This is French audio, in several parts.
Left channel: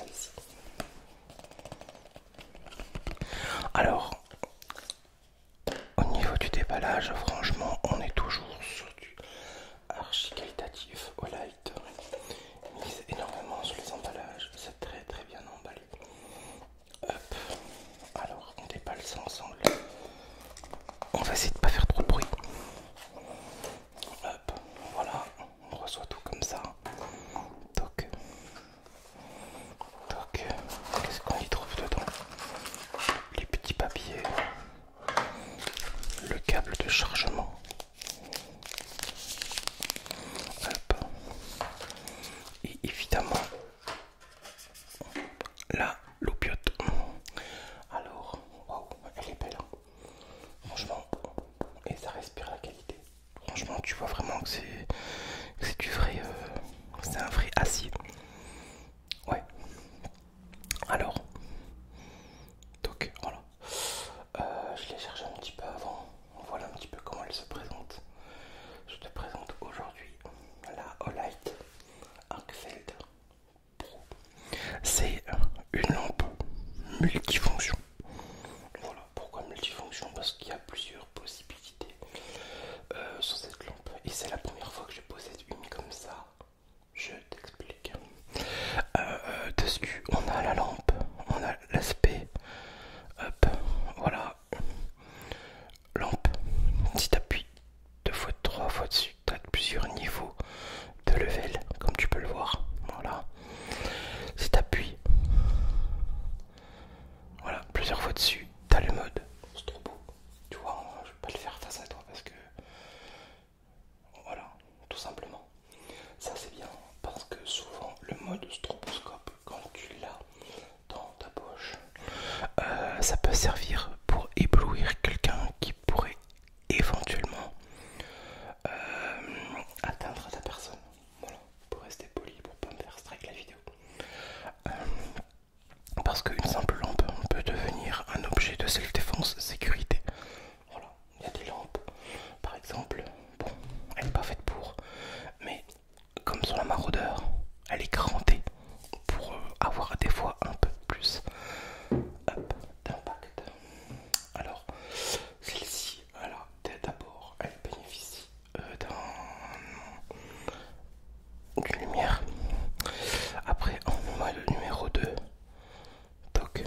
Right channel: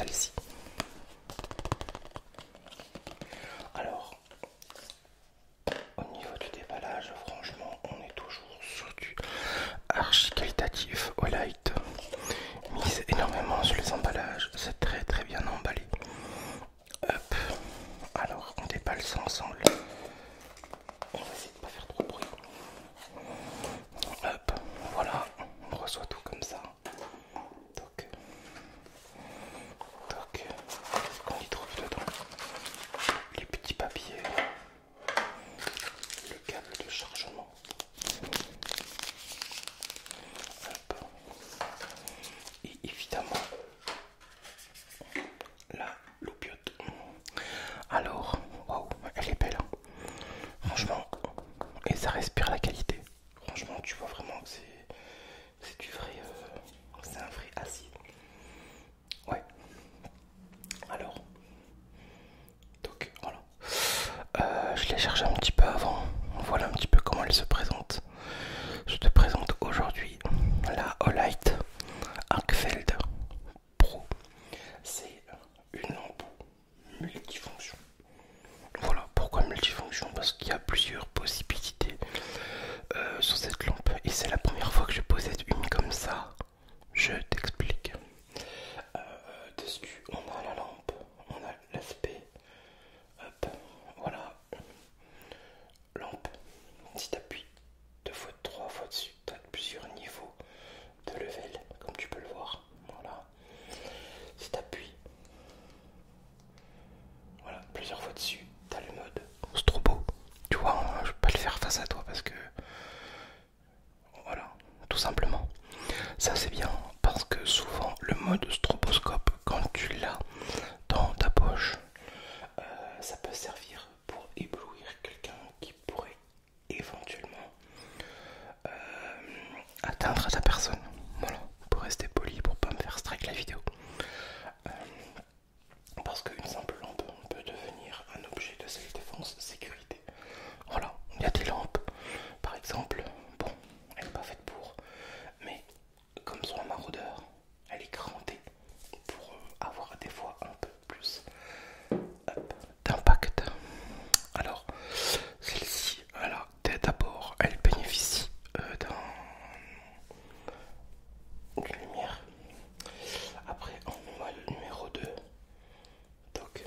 celle-ci. Alors, au niveau du déballage, franchement, on est toujours sur du archi qualitatif. Olight mise énormément sur les emballages, c'est très très bien emballé. Hop, alors on déballe ça ensemble. On va essayer de pas faire trop de bruit. Hop, voilà, on reçoit tout comme ça. Toc, toc. Qu'est-ce qu'on y trouve dedans? Les petits papiers, le câble de chargement. Hop. Et évidemment la loupiote. Alors, waouh, elle est belle. Franchement, et ça respire la qualité. Franchement, tu vois vraiment que c'est du vrai, c'est un vrai acier. Ouais. Alors, donc voilà. Je l'ai cherché un petit peu avant. Voilà un petit peu comment elle se présente. Je te présente aujourd'hui la Olight Arcfeld Pro. C'est une lampe multifonction. Voilà, pourquoi multifonction? Parce qu'il y a plusieurs possibilités sur cette lampe. Et c'est la première fois que je possède une comme ça. Je t'explique. Dessus, on a la lampe, on a l'aspect. Hop, voilà. Lampe. Si tu appuies 2 fois, 3 fois dessus, tu as plusieurs niveaux de level, comme tu peux le voir. Voilà. Si tu appuies, voilà, plusieurs fois dessus, tu as le mode strobo. Tu vois, je vais pas le faire face à toi parce que. Voilà, tout simplement. Ça c'est bien parce que souvent le mode stroboscope, quand tu l'as dans ta poche, ça peut servir pour éblouir quelqu'un qui pourrait éventuellement atteindre ta personne. Voilà, pour rester poli, pour pas me faire strike la vidéo. Parce qu'une simple lampe peut devenir un objet de self-défense, sécurité. Voilà, il y a des lampes, par exemple, bon, elle n'est pas faite pour, mais comme sur la maraudeur, elle est crantée pour avoir des fois un peu plus d'impact. Alors, celle-ci, voilà, d'abord, elle bénéficie d'une lumière. Après, en mode numéro 2, toc,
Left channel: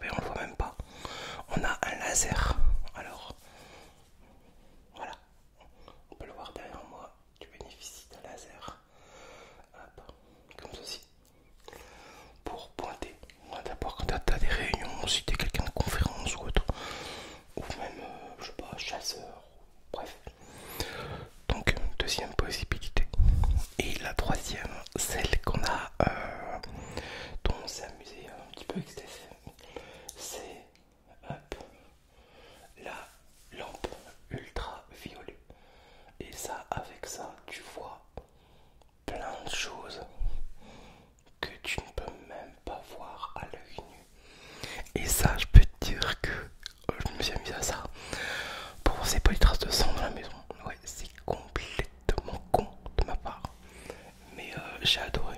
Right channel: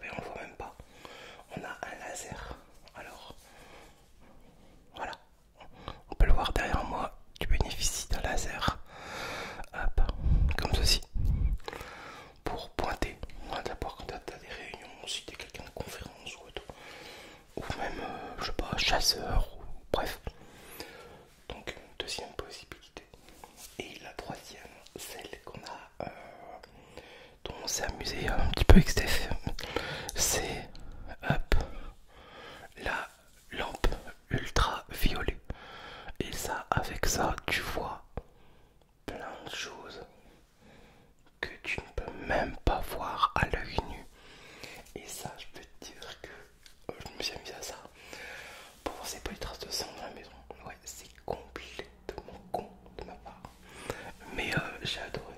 ben on le voit même pas, on a un laser. Alors, voilà, on peut le voir derrière moi, tu bénéficies d'un laser. Hop, comme ceci. Pour pointer, d'abord quand tu as des réunions, si tu es quelqu'un de conférence ou autre, ou même, je sais pas, chasseur, ou bref. Donc, deuxième possibilité. Et la troisième, celle qu'on a, dont on s'est amusé un petit peu avec Steph, c'est hop, la lampe ultra violet. Et ça, avec ça, tu vois plein de choses que tu ne peux même pas voir à l'œil nu. Et ça, je peux te dire que je me suis amusé à ça. Bon, c'est pas les traces de sang dans la maison. Ouais, c'est complètement con de ma part. Mais j'ai adoré.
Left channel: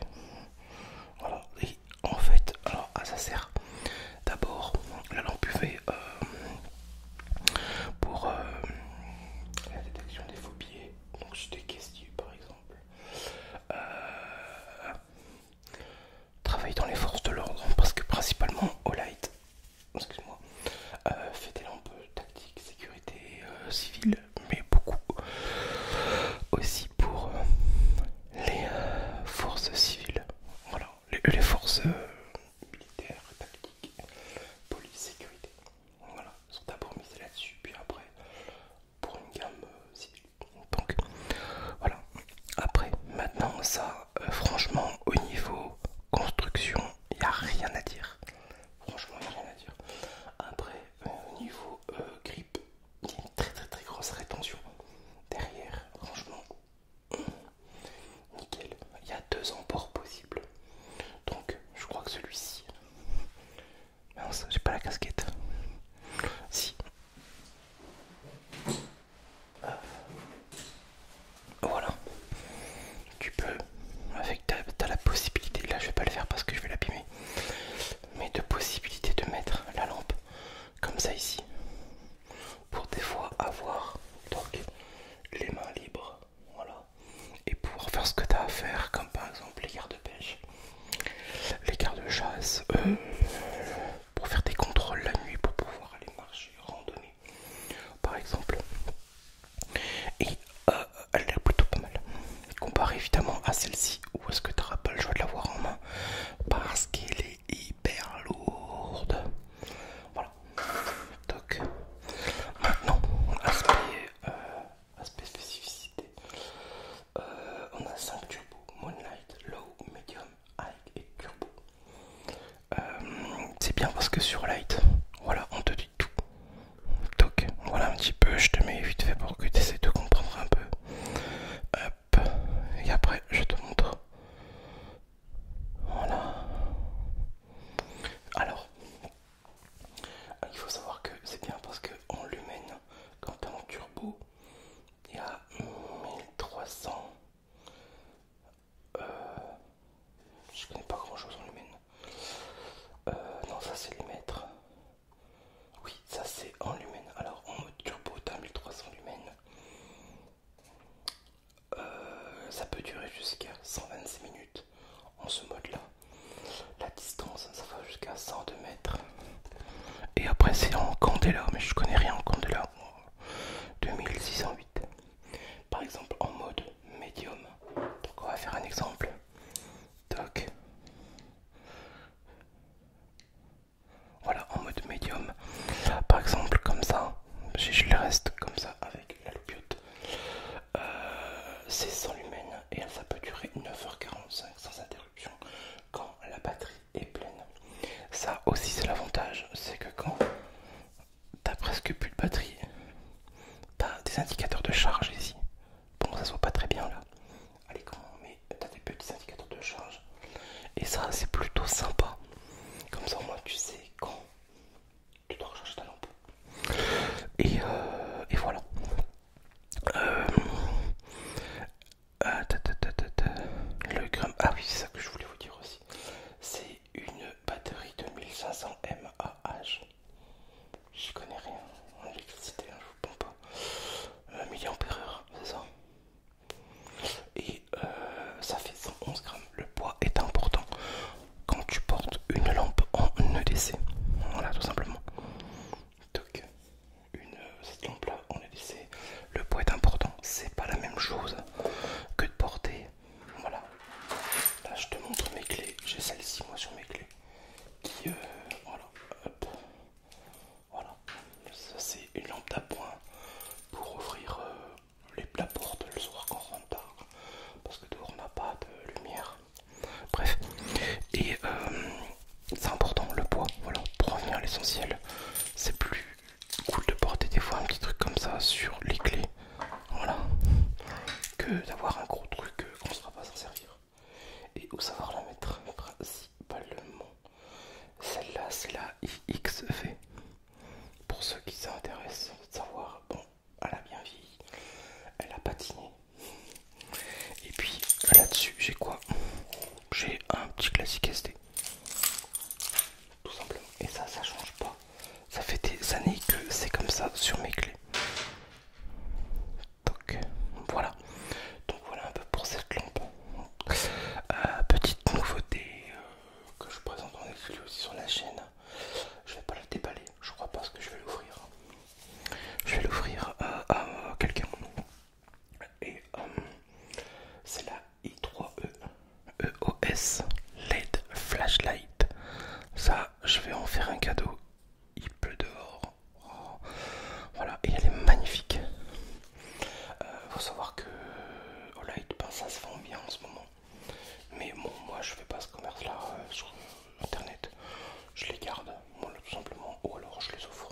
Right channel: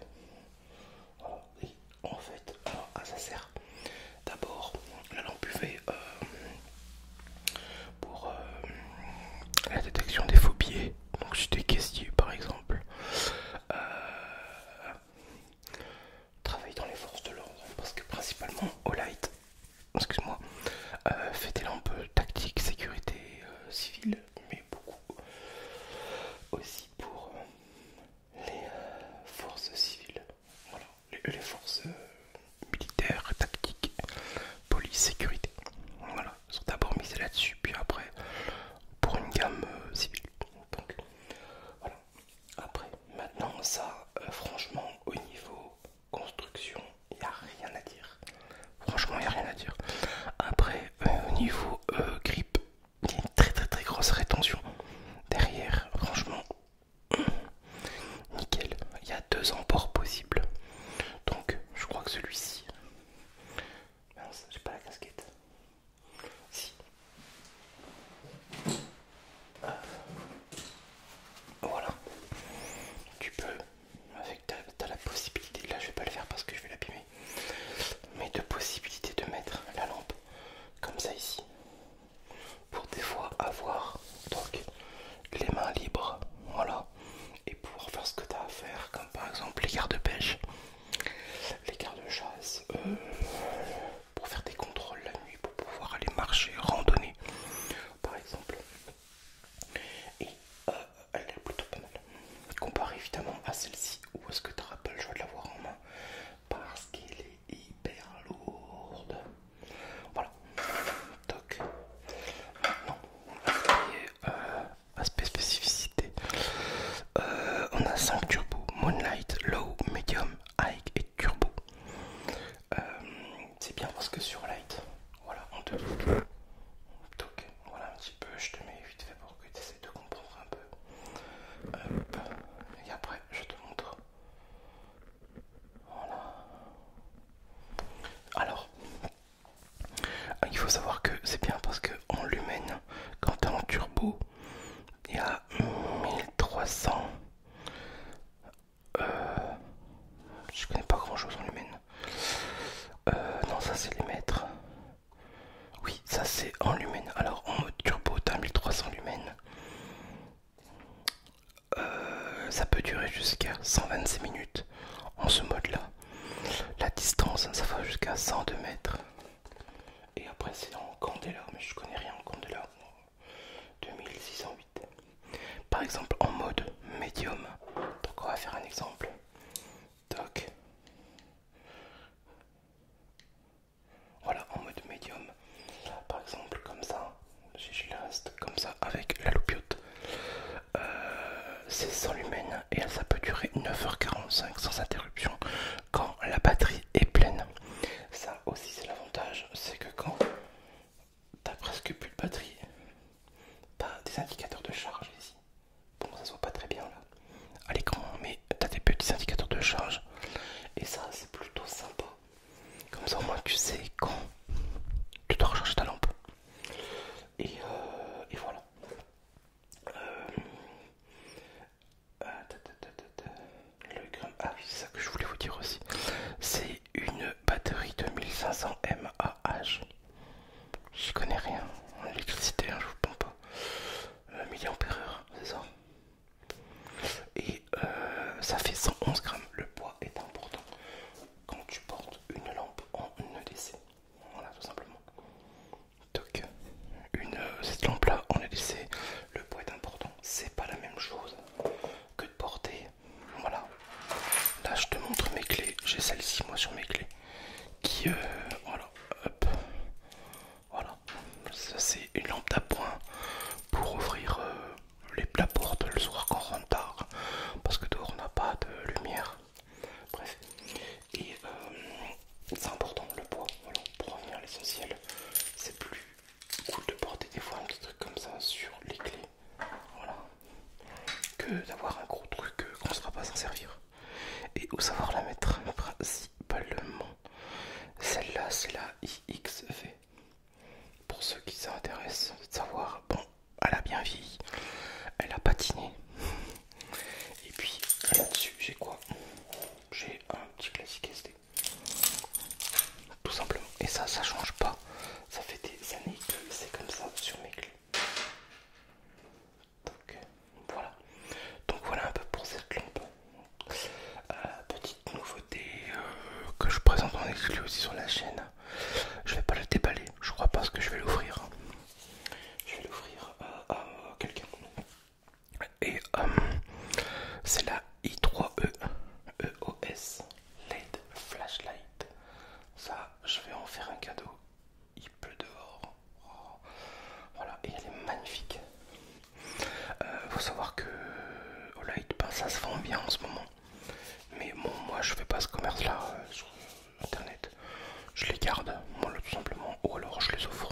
Voilà. Et en fait, alors, ça sert. D'abord, la lampe UV pour la détection des phobies. Donc, si t'es caissier par exemple, travaille dans les forces de l'ordre. Parce que principalement, Olight, excuse-moi, fait des lampes tactiques, sécurité civile, mais beaucoup aussi pour les forces civiles. Voilà, les forces militaires, tactiques, police, sécurité. Voilà, ils sont d'abord misés là-dessus, puis après pour une gamme civile. Donc voilà. Après, maintenant ça, franchement, au niveau construction, il n'y a rien à dire. Franchement, il n'y a rien à dire. Après, au niveau grip, il y a une très très très grosse rétention derrière. Franchement, nickel. Il y a 2 emports possibles. Donc, je crois que celui-ci. Mince, j'ai pas la casquette. Si. Voilà. Tu peux faire, comme par exemple les gardes-pêche, les gardes-chasse, pour faire des contrôles la nuit, pour pouvoir aller marcher, randonner, par exemple. Et elle est plutôt pas mal. Comparé évidemment à celle-ci, où est-ce que tu n'auras pas le choix de l'avoir en main, parce qu'elle est hyper lourde. Voilà. Donc, maintenant, aspect spécificité. On a 5 turbos, Moonlight, Low, Medium, High et Turbo. C'est bien parce que sur Light, voilà, on te dit tout. Donc, voilà un petit peu, je te mets vite fait pour que tu essaies de comprendre un peu. Hop, et après, je te montre. Voilà. Alors, il faut savoir que c'est bien parce que en lumen, quand tu es en turbo, il y a 1300. Je connais pas grand chose en lumen. Non, ça c'est les mètres. Oui, ça c'est en lumen. Alors en mode turbo, t'as 1300 lumens. Ça peut durer jusqu'à 126 minutes en ce mode là. La distance, ça va jusqu'à 102 mètres. Et après c'est en candela, mais je connais rien en candela. 2608. Par exemple en mode médium. Donc on va faire un exemple. Tac. Voilà, en mode médium. Par exemple comme ça, je le reste comme ça avec la loupiote. C'est 100 lumens et ça peut durer 9h45 sans interruption quand la batterie est pleine. Ça aussi c'est l'avantage, c'est que quand t'as presque plus de batterie, t'as des indicateurs de charge ici. Bon, ça se voit pas très bien là à l'écran, mais t'as des petits indicateurs de charge et ça c'est plutôt sympa. Comme ça au moins tu sais quand tu dois recharger ta lampe. Et voilà. Le gramme. Ah oui, c'est ça que je voulais vous dire aussi. C'est une batterie de 1500 mAh. Je connais rien en électricité, hein, je vous pompe pas. Milliampères-heure, c'est ça. Et ça fait 111 grammes. Le poids est important quand tu portes une lampe en EDC. Voilà, tout simplement. Donc, cette lampe là en EDC, le poids est important. C'est pas la même chose que de porter. Voilà. Là, je te montre mes clés. J'ai celle-ci, moi, sur mes clés. Qui, voilà, hop. Voilà. Ça, c'est une lampe d'appoint pour ouvrir la porte le soir quand on rentre tard. Parce que dehors, on n'a pas de lumière. Bref. Et c'est important, le poids. Voilà. Pour revenir à l'essentiel, c'est plus cool de porter des fois un petit truc comme ça sur les clés. Voilà. Que d'avoir un gros truc qu'on ne sera pas s'en servir. Et où savoir la mettre principalement. Celle-là, c'est la IXV. Pour ceux qui s'intéressent de savoir, bon, elle a bien vieilli, elle a patiné. Et puis là-dessus, j'ai quoi? J'ai un petit classique SD. Tout simplement. Et ça change pas. Ça fait des années que c'est comme ça sur mes clés. Donc voilà. Donc voilà un peu pour cette lampe. Petite nouveauté que je présente en exclu aussi sur la chaîne. Je vais pas le déballer, je crois pas que je vais l'ouvrir. Je vais l'ouvrir à quelqu'un. Et c'est la i3E EOS LED Flashlight. Ça, je vais en faire un cadeau. Il pleut dehors. Oh. Voilà, et elle est magnifique. Faut savoir que au light, ben, ça se vend bien en ce moment. Mais bon, moi je fais pas ce commerce là sur internet. Je les garde, moi tout simplement, ou alors je les offre.